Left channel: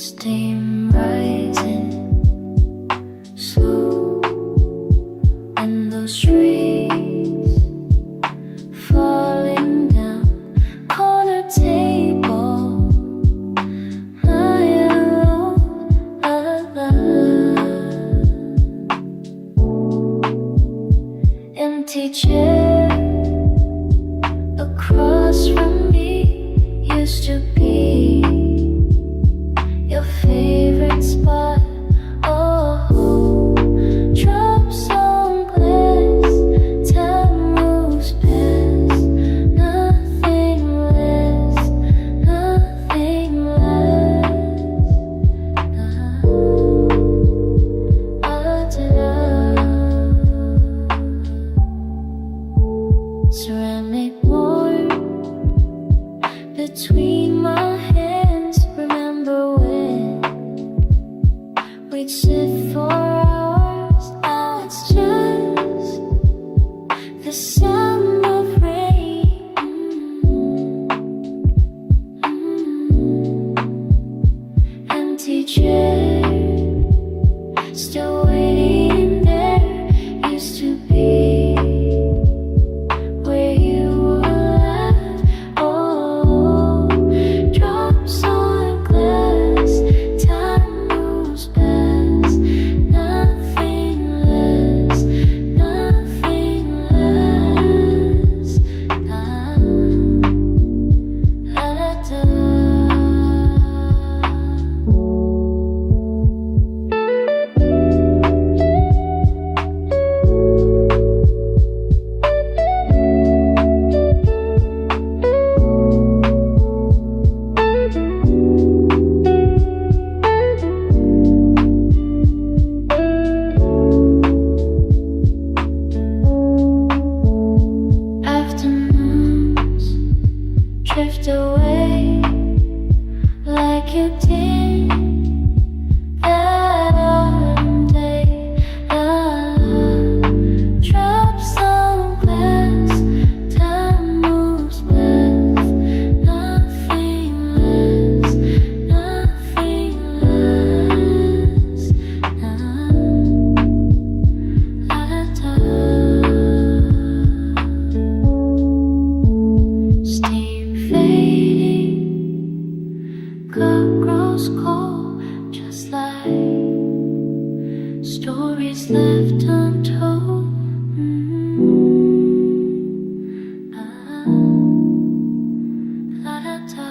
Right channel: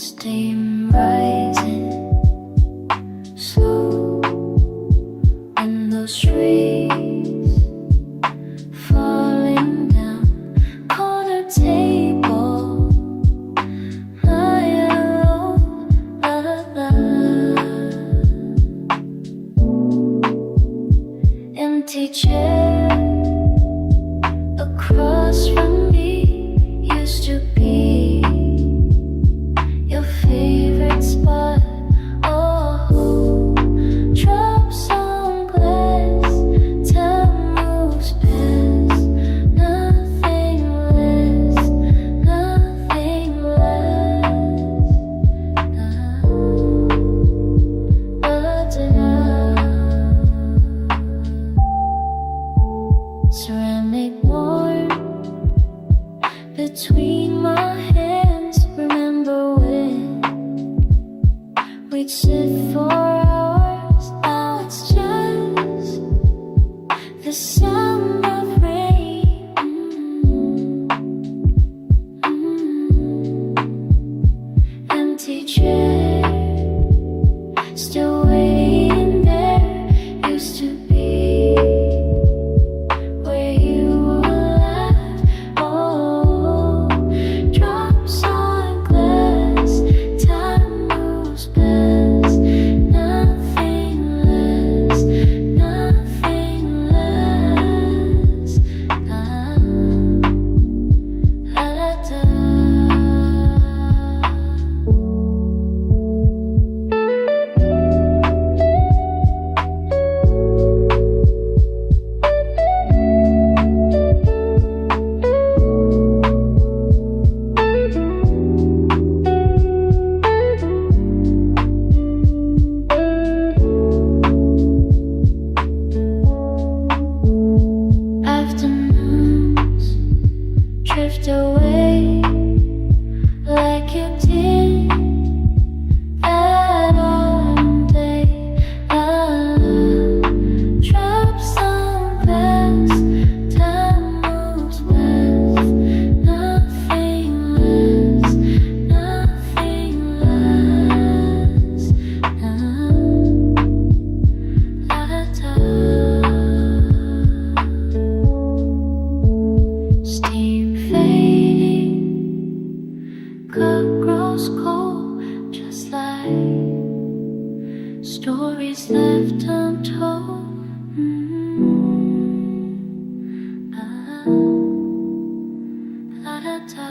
Steam rising slow, and those trees falling down. Corner table, my yellow lullaby. Empty chair across from me used to be your favorite spot. Oh, drops on glass, time moves past. Nothing lasts, nothing lasts. Ceramic warm between my hands. Remember when we'd sit for hours? Now it's just the sound of rain. Empty chair, still waiting there. Used to be where you were at. Oh, drops on glass, time moves past. Nothing lasts, nothing lasts. Afternoons drift away like you did that autumn day. Drops on glass, time moves past. Nothing lasts, nothing lasts. Steam fading, cup grows cold, just like stories left untold. Ah, la da da.